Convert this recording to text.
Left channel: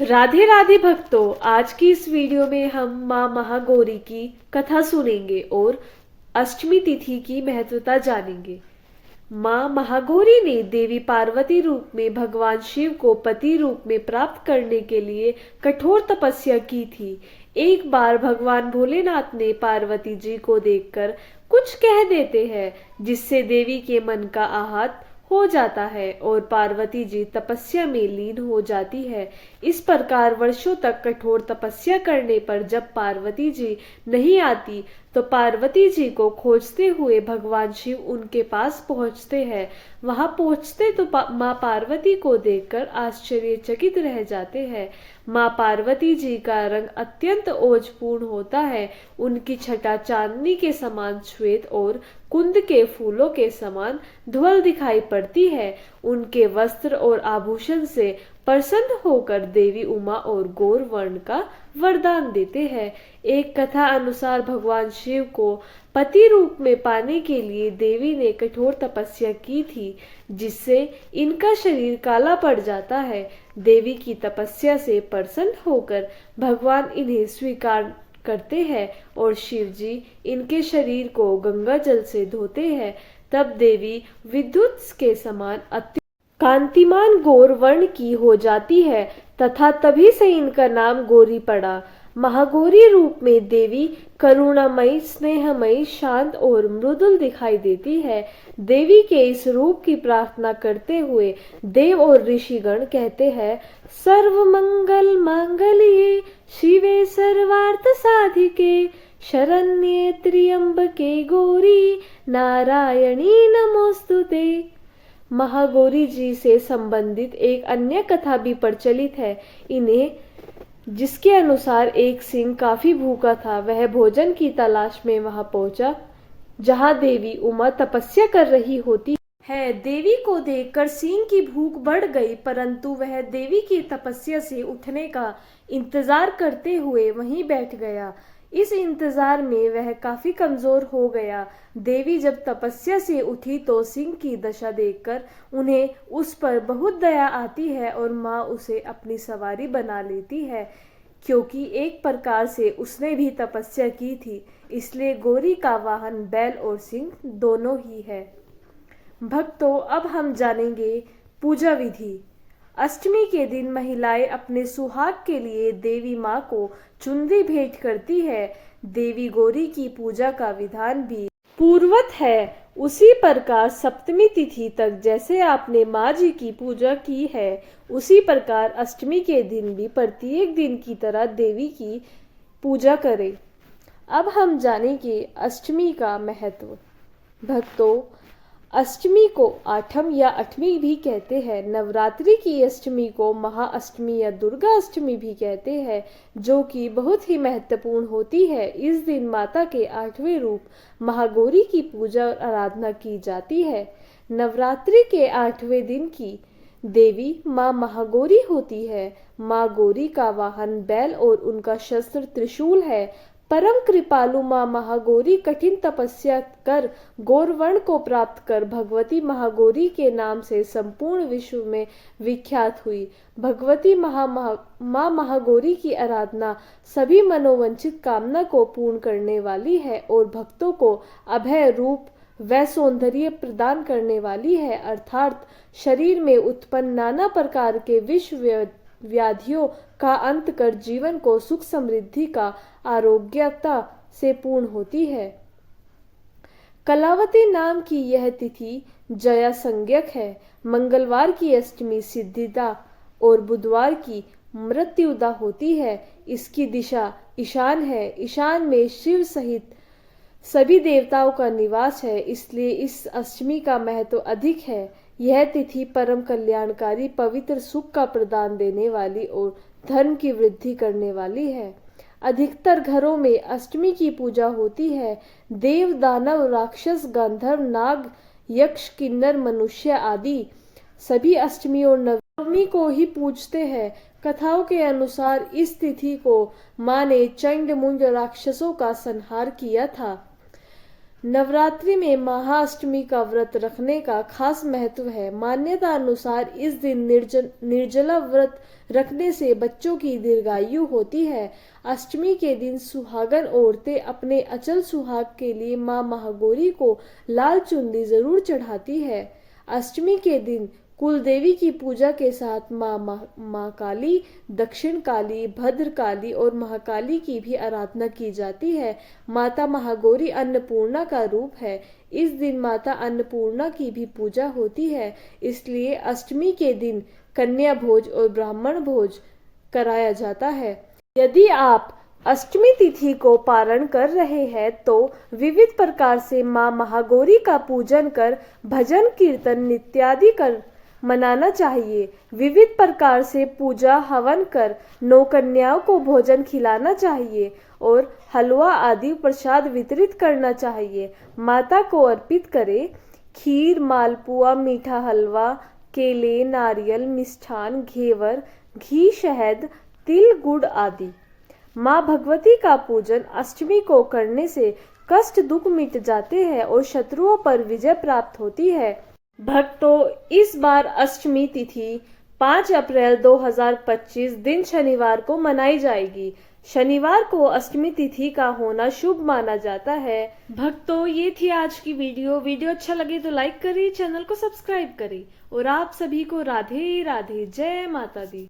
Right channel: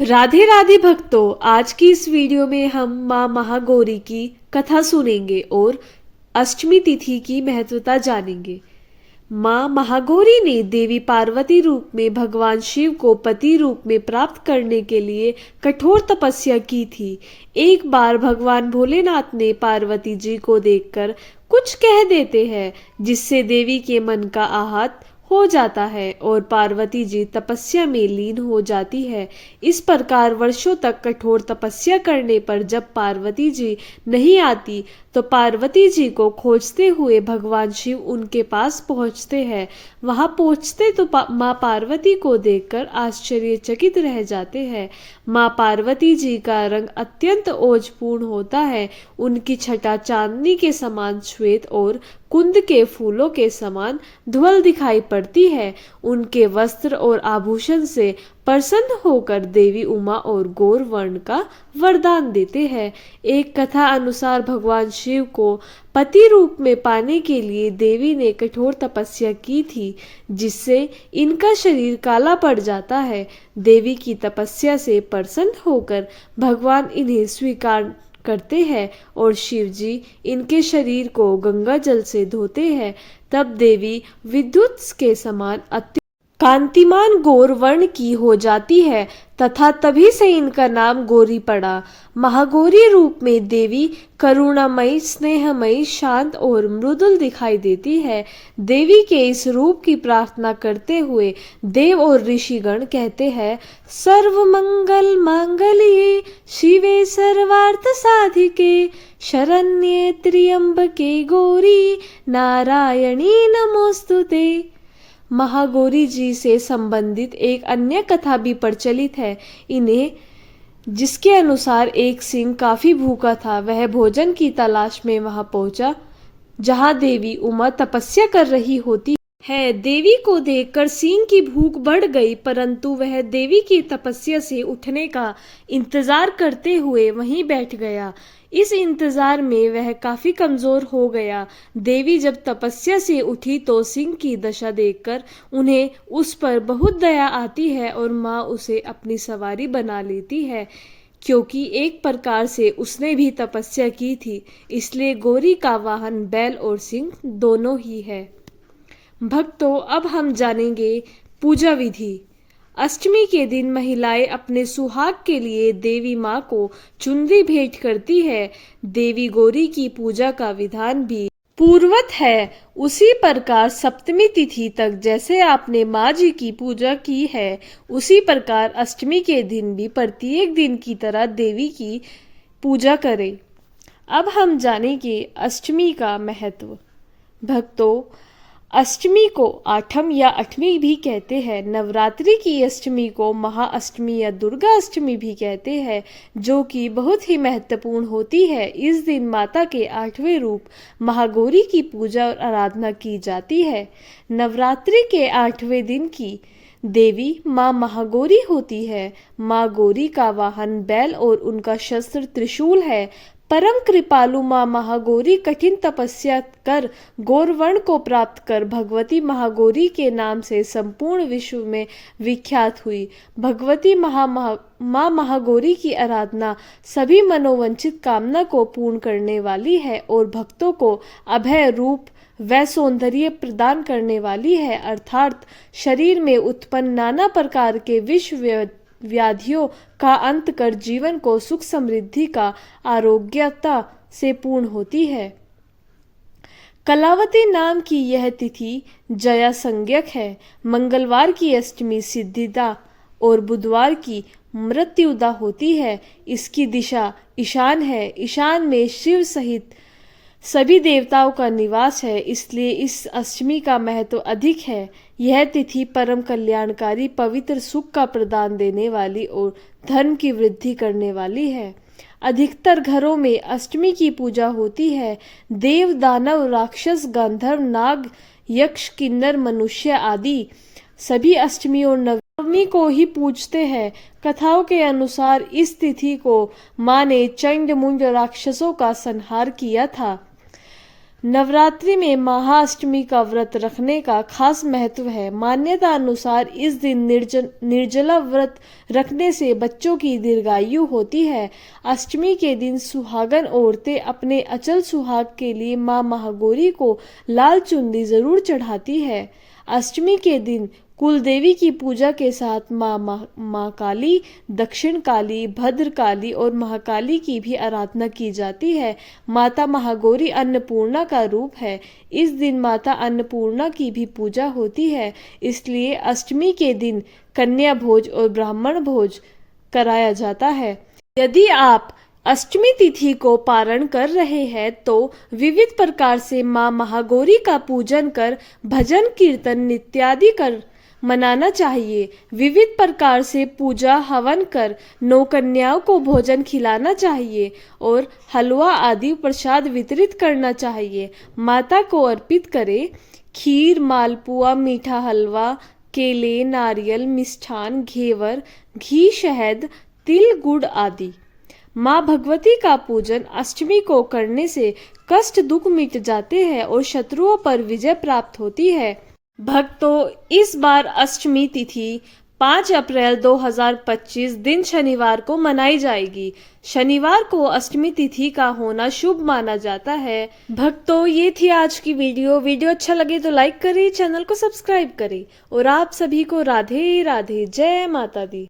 राधे राधे भक्तों, आज की इस वीडियो में हम माँ महागौरी की कथा सुनेंगे और अष्टमी तिथि की महत्वता जानेंगे। माँ महागौरी ने देवी पार्वती रूप में भगवान शिव को पति रूप में प्राप्त करने के लिए कठोर तपस्या की थी। एक बार भगवान भोलेनाथ ने पार्वती जी को देखकर कुछ कह देते हैं, जिससे देवी के मन का आहत हो जाता है और पार्वती जी तपस्या में लीन हो जाती है। इस प्रकार वर्षों तक कठोर तपस्या करने पर जब पार्वती जी नहीं आती तो पार्वती जी को खोजते हुए भगवान शिव उनके पास पहुंचते हैं। वहां पहुंचते तो माँ पार्वती को देखकर आश्चर्यचकित रह जाते हैं। माँ पार्वती जी का रंग अत्यंत ओजपूर्ण होता है। उनकी छटा चांदनी के समान श्वेत और कुंद के फूलों के समान धवल दिखाई पड़ती है। उनके वस्त्र और आभूषण से प्रसन्न होकर देवी उमा और गौर वर्ण का वरदान देते हैं। एक कथा अनुसार भगवान शिव को पति रूप में पाने के लिए देवी ने कठोर तपस्या की थी, जिससे इनका शरीर काला पड़ जाता है। देवी की तपस्या से प्रसन्न होकर भगवान इन्हें स्वीकार करते हैं और शिव जी इनके शरीर को गंगा जल से धोते हैं। तब देवी विद्युत के समान कांतिमान गौर वर्ण की हो जाती है तथा तभी से इनका नाम गौरी पड़ा। महागौरी रूप में देवी करुणामयी, स्नेहमयी, शांत और मृदुल दिखाई देती है। देवी के इस रूप की प्रार्थना करते हुए देव और ऋषिगण कहते हैं, सर्व मंगल मांगल्ये शिवे सर्वार्थ साधिके शरण्ये त्र्यंबके गौरी नारायणी नमोस्तुते। महागौरी जी से संबंधित एक अन्य कथा भी प्रचलित है, जिसके अनुसार एक सिंह काफी भूखा था। वह भोजन की तलाश में वहां पहुंचा जहां देवी उमा तपस्या कर रही होती है। देवी को देखकर सिंह की भूख बढ़ गई, परंतु वह देवी की तपस्या से उठने का इंतजार करते हुए वहीं बैठ गया। इस इंतजार में वह काफी कमजोर हो गया। देवी जब तपस्या से उठी तो सिंह की दशा देखकर उन्हें उस पर बहुत दया आती है और माँ उसे अपनी सवारी बना लेती है। क्योंकि एक प्रकार से उसने भी तपस्या की थी, इसलिए गौरी का वाहन बैल और सिंह दोनों ही है। भक्तों, अब हम जानेंगे पूजा विधि। अष्टमी के दिन महिलाएं अपने सुहाग के लिए देवी माँ को चुनरी भेंट करती है। देवी गौरी की पूजा का विधान भी पूर्वत है। उसी प्रकार सप्तमी तिथि तक जैसे आपने माँ जी की पूजा की है, उसी प्रकार अष्टमी के दिन भी प्रत्येक दिन की तरह देवी की पूजा करें। अब हम जानेंगे अष्टमी का महत्व। भक्तों, अष्टमी को आठम या अठमी भी कहते हैं। नवरात्रि की अष्टमी को महाअष्टमी या दुर्गा अष्टमी भी कहते हैं, जो कि बहुत ही महत्वपूर्ण होती है। इस दिन माता के 8वें रूप महागौरी की पूजा और आराधना की जाती है। नवरात्रि के 8वें दिन की देवी माँ महागौरी होती है। माँ गौरी का वाहन बैल और उनका शस्त्र त्रिशूल है। परम कृपालु माँ महागौरी कठिन तपस्या कर गौरवर्ण को प्राप्त कर भगवती महागौरी के नाम से संपूर्ण विश्व में विख्यात हुई। भगवती माँ महागौरी की आराधना सभी मनोवांछित कामना को पूर्ण करने वाली है और भक्तों को अभय रूप व सौंदर्य प्रदान करने वाली है, अर्थात शरीर में उत्पन्न नाना प्रकार के विश्व व्याधियों का अंत कर जीवन को सुख समृद्धि का आरोग्यता से पूर्ण होती है। कलावती नाम की यह तिथि जया संज्ञक है। मंगलवार की अष्टमी सिद्धिदा और बुधवार की मृत्युदा होती है। इसकी दिशा ईशान है। ईशान में शिव सहित सभी देवताओं का निवास है, इसलिए इस अष्टमी का महत्व अधिक है। यह तिथि परम कल्याणकारी, पवित्र, सुख का प्रदान देने वाली और धर्म की वृद्धि करने वाली है। अधिकतर घरों में अष्टमी की पूजा होती है। देव, दानव, राक्षस, गंधर्व, नाग, यक्ष, किन्नर, मनुष्य आदि सभी अष्टमी और नवमी को ही पूजते हैं। कथाओं के अनुसार इस तिथि को माँ ने चंड मुंड राक्षसों का संहार किया था। नवरात्रि में महाअष्टमी का व्रत रखने का खास महत्व है। मान्यता अनुसार इस दिन निर्जला व्रत रखने से बच्चों की दीर्घायु होती है। अष्टमी के दिन सुहागन औरतें अपने अचल सुहाग के लिए मां महागौरी को लाल चुनरी जरूर चढ़ाती है। अष्टमी के दिन कुल देवी की पूजा के साथ माँ काली, दक्षिण काली, भद्र काली और महाकाली की भी आराधना की जाती है। माता महागौरी अन्नपूर्णा का रूप है। इस दिन माता अन्नपूर्णा की भी पूजा होती है। इसलिए अष्टमी के दिन कन्या भोज और ब्राह्मण भोज कराया जाता है। यदि आप अष्टमी तिथि को पारण कर रहे हैं तो विविध प्रकार से मां महागौरी का पूजन कर भजन कीर्तन इत्यादि कर मनाना चाहिए। विविध प्रकार से पूजा हवन कर 9 कन्याओं को भोजन खिलाना चाहिए और हलवा आदि प्रसाद वितरित करना चाहिए। माता को अर्पित करें खीर, मालपुआ, मीठा हलवा, केले, नारियल, मिष्ठान, घेवर, घी, शहद, तिल, गुड़ आदि। माँ भगवती का पूजन अष्टमी को करने से कष्ट दुख मिट जाते हैं और शत्रुओं पर विजय प्राप्त होती है। भक्तों, इस बार अष्टमी तिथि 5 अप्रैल 2025 दिन शनिवार को मनाई जाएगी। शनिवार को अष्टमी तिथि का होना शुभ माना जाता है। भक्तों, ये थी आज की वीडियो अच्छा लगे तो लाइक करें, चैनल को सब्सक्राइब करें और आप सभी को राधे राधे, जय माता दी।